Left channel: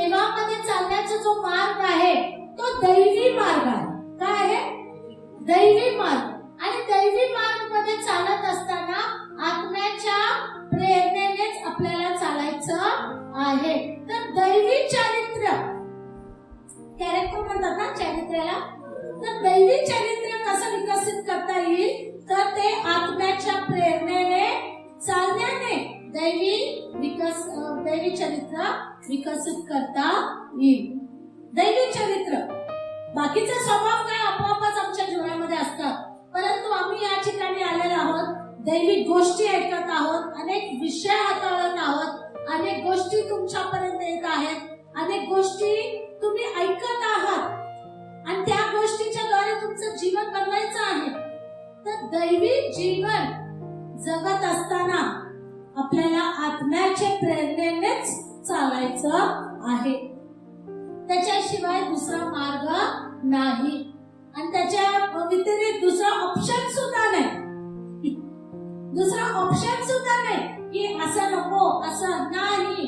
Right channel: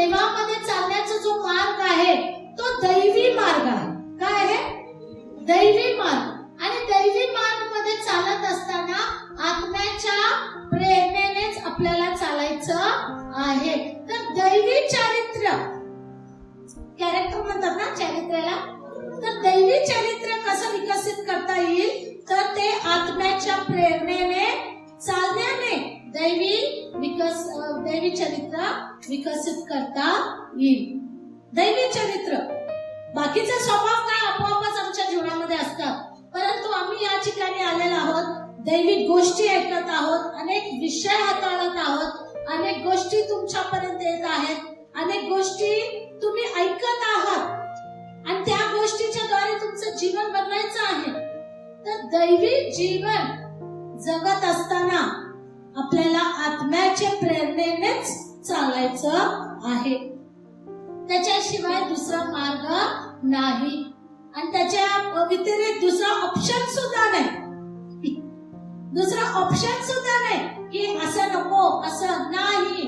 देवामध्ये चालण्याचा जो मार्ग आहे तो दैवी मार्ग आहे. काय आहे? दैवी मार्ग. आणि दैवी मार्गमध्ये चालत असताना आत्म्याच्या प्रेरणेनेच आपल्याला चालायचं आहे. तर दैवी चारित्र्य कॅरेक्टर म्हणतात ना चारित्र्याला? तर दैवी चारित्र्य कसं विकसित करता येईल? तर ते आत्म्याच्या प्रेरणेने चालण्याने दैवी विकस दैवी चरित्र विकसित करता येईल. दैवी चरित्र. बाकीचा स्वभाव काय आपोआपच आमच्या जीवनामध्ये असतात. परंतु आम्ही या ठिकाणी आलेलो आहोत. दैविक गोष्टी ऐकत आहोत. अनेक विषय हाताळत आहोत. अनेक गोष्टी तुमच्यापर्यंत येत आहेत. अनेक गोष्टी तुम्ही ऐकत आहात. आणि त्या गोष्टीच्या द्वारे तुमचं जीवन बनवायचं आहे. तर दैवी जीवन जगत असताना आपल्याला आत्म्याच्या प्रेरणेनेच चालायचं आहे. त्याच्याशिवाय दुसरा मार्ग नाही. आणि त्याच्या व्यतिरिक्त दुसरा ऑप्शन सुद्धा नाही. दुसरा ऑप्शन सुद्धा नाही की असं नको असं नाही.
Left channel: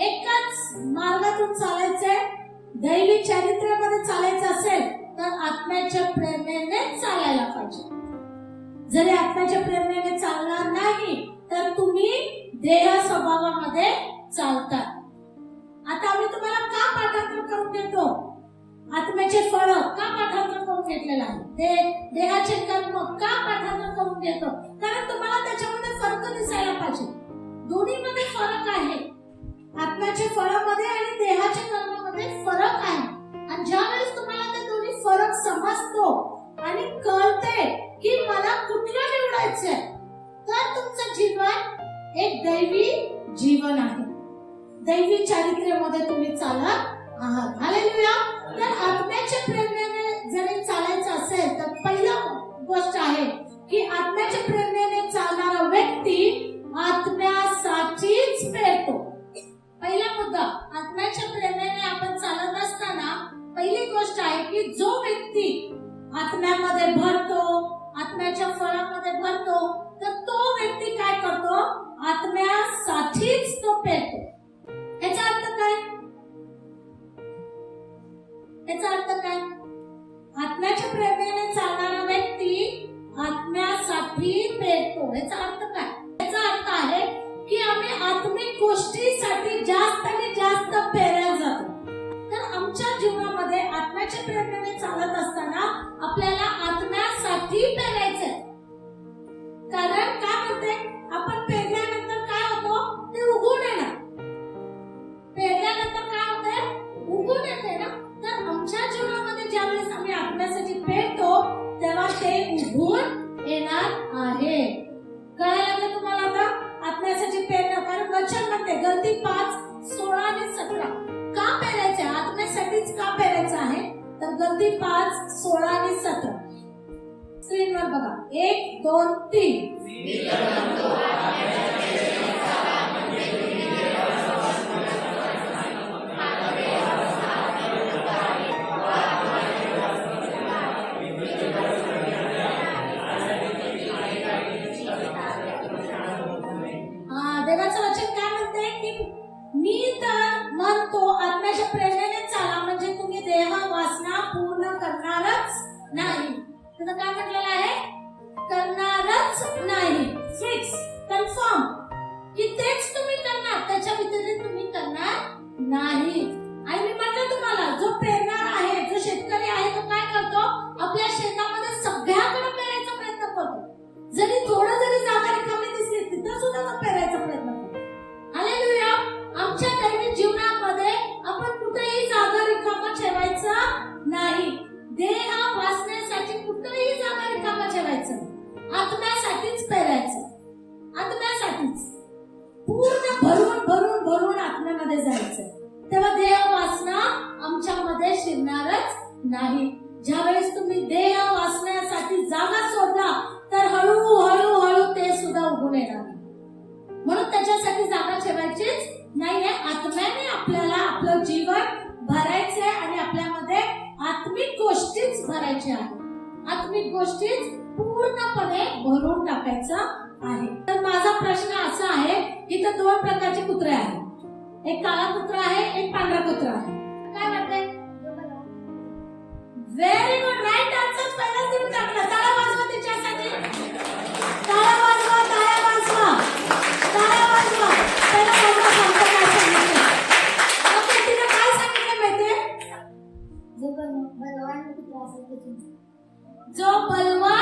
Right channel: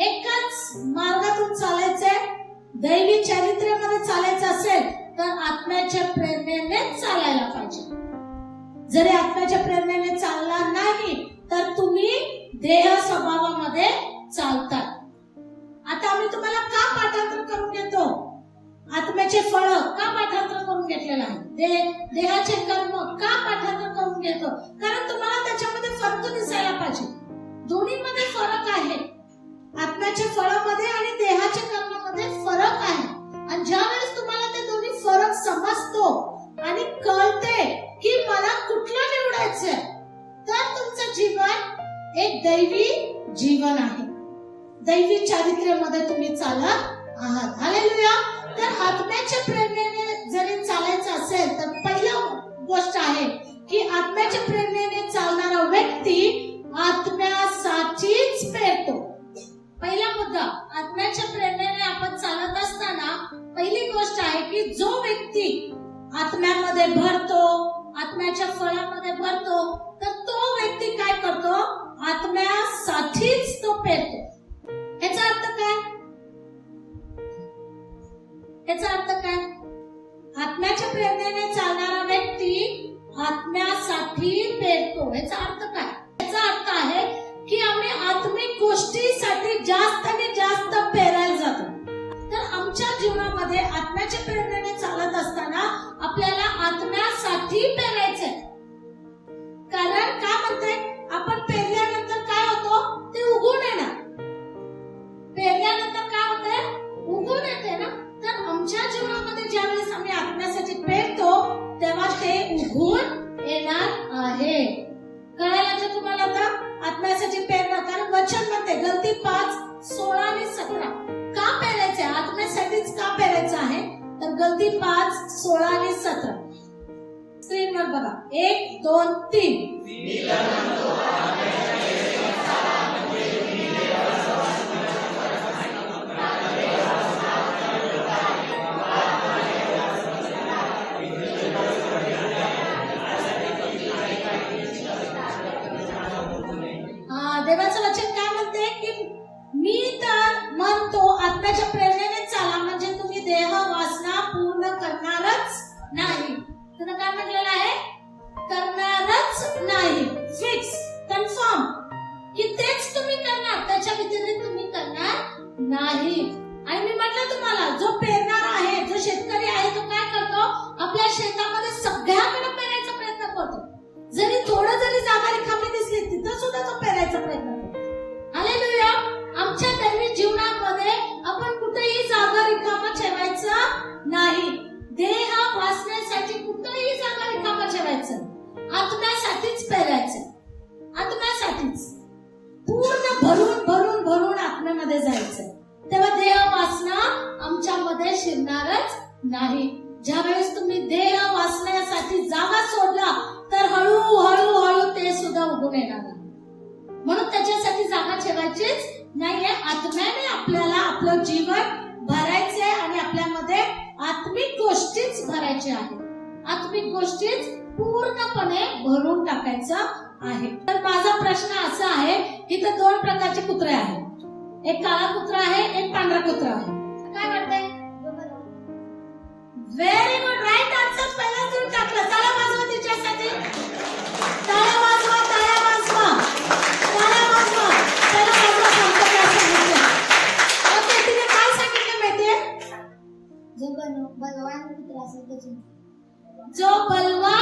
एकच मार्गातून चालायचंय. दैवी चरित्र्यामध्ये चालायचं असेल तर आत्म्याच्या प्रेरणेने चालायला पाहिजे. जरी आत्म्याच्या प्रेरणेने चालला नाही तर तुम्ही देह स्वभावामध्ये का पाठांतर करून घेतो कारण तुम्हाला त्याच्यामध्ये फरक दिसायला पाहिजे. दोन्हीमध्ये फरक आहे. आत्म्याच्या फळामध्ये आणि देहाच्या कर्मामध्ये फरक आहे. आणि ज्या वेळेस तुम्हाला ते दोन्ही फरक समजतो आणि कळते की मला कुठलं निवडायचंय तर तुमचं जीवन एक दैवी जीवन आहे. दैवी चारित्र्यामध्ये तुम्ही चालत आहात. हालेलुया तर आत्म्याच्या प्रेम व्यक्ती आत्म्यामध्ये भरतो आत्म्याच्या फळामध्ये भरतो. तर तो व्यक्ती काय करतो? आत्म्यासाठीच तो पेरतो. याचा अर्थ काय? याचा अर्थ काय? आत्म्याच्या प्रेरणेने चालणारा व्यक्ती आत्म्यासाठी पेरतो. याचा अर्थ कारण तर दोन प्रकारचे कुत्रे आहेत. एक काळा कुत्रा आहे एक पांढरा कुत्रा आहे. काय वाटतंय? व्हेरी गुड राईट आन्सर पहिलाच देऊन टाकलं. टाळ्या वाजवा तिच्यासाठी टाळ्या वाजवा वाजवा. वाजवा. टाळ्या वाजवा सांगतो काय सांगितलं ओके तिने काय सांगितलं माहितीये? जो बल- बलवान कुत्रा असेल जो बलवान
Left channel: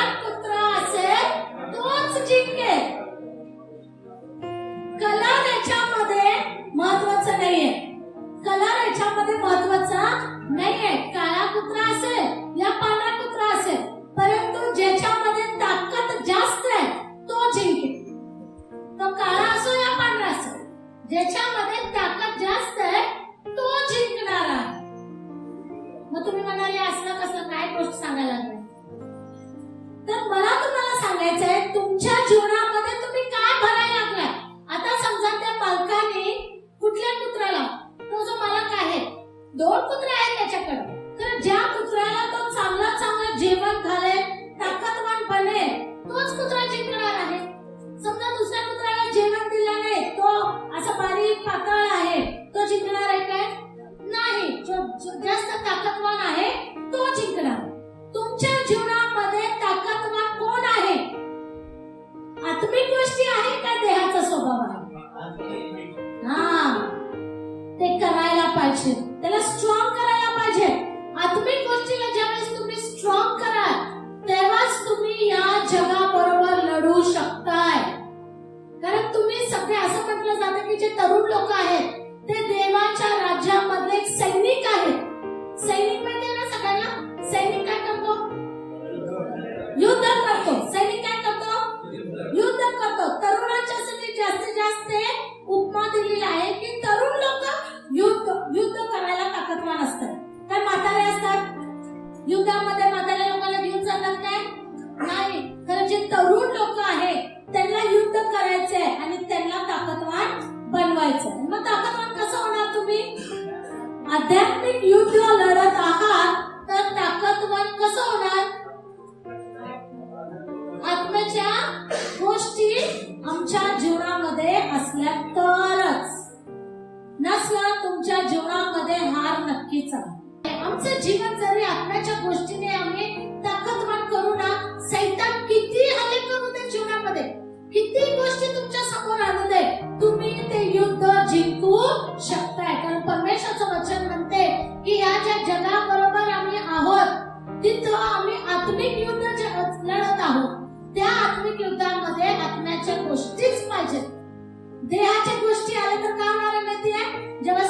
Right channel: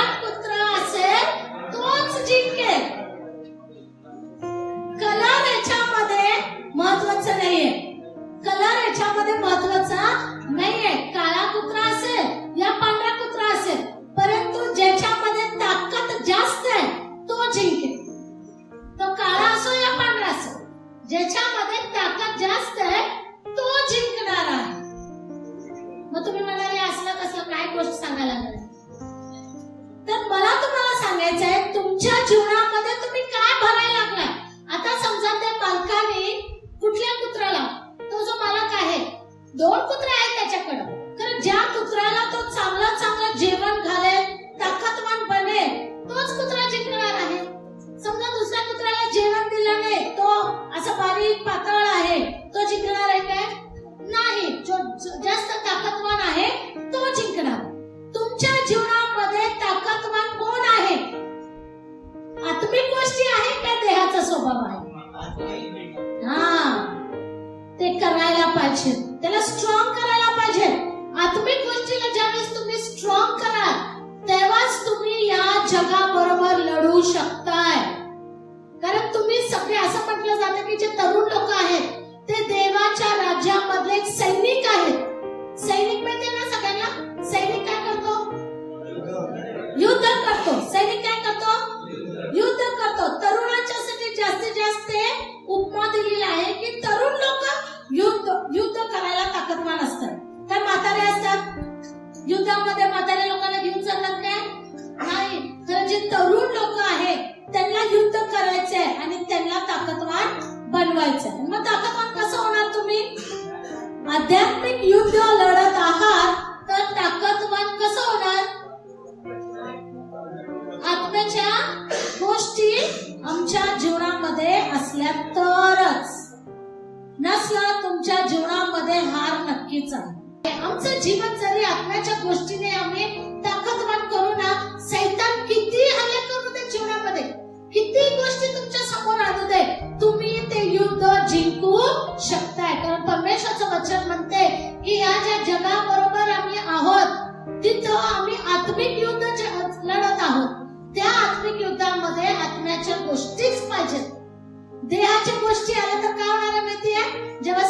यामध्ये महत्त्वाचा नाहीये. काळा कुत्रा असेल या पांढरा कुत्रा असेल परंतु ज्याच्यामध्ये ताकद जास्त आहे तो जिंकेल. तो काळा असो या पांढरा असो ज्याच्यामध्ये ताकद जास्त आहे तो जिंकणार आहे. मग तुम्ही म्हणाले असलं कसलं? काय गोष्ट सांगायला लागलाय तर मला तुम्हाला सांगायचं आहे तुमच्या जीवनामध्ये तुम्ही काय भरायला लागलाय? आता समजा त्या मालकाने कुठल्या कुत्र्याला दोन कुत्रे आहेत त्याच्याकडं. कारण ज्या कुत्र्याला तो चांगलं चांगलं जेवण घालेल ताकदवान बनेल तोच कुत्रा जिंकणार आहे. समजा दुसऱ्या कुत्र्याला जेवण दिलं नाही तो असा बारीक पातळ आहे तो जिंकणार आहे काय? नाही. जो जास्त ताकदवान आहे तो जिंकणार. तुमच्या जीवनामध्ये ताकदवान कोण आहे? आत्मिक गोष्टी आहे का देहाचा स्वभाव आहे? हा. ते करायला पाहिजे. त्याला स्ट्रॉंग करायला पाहिजे. आत्मिक गोष्टीला ज्यावेळेस तुम्ही स्ट्रॉंग कराल तेव्हाच तुम्ही या जगाबरोबर लढू शकताय. कारण तुम्ही सगळे असं म्हटलं जातं की जे तरुण लोक आहेत आध्यात्मिक युद्ध लढत आहात तर ताकदवान कसं होणार? आत्म्याच्या गोष्टी आमच्या जीवनामध्ये असल्या तरच नसलं तुमच्या जीवनामध्ये हार नक्कीच आहे. आमचं जीवन जरी आत्म्याच्या गोष्टीने आम्ही ताकदवान करू ना सैतान किती हल्ले करू दे जीवनामध्ये? किती गोष्टी तुमच्यासमोर आणू दे? आत्मिक युद्ध लढत आहोत. त्या आत्मिक युद्धामध्ये आत्म्याच्या गोष्टीच पाहिजेत. देहाच्या गोष्टी आल्या तर काय होणार माहितीये? जेव्हा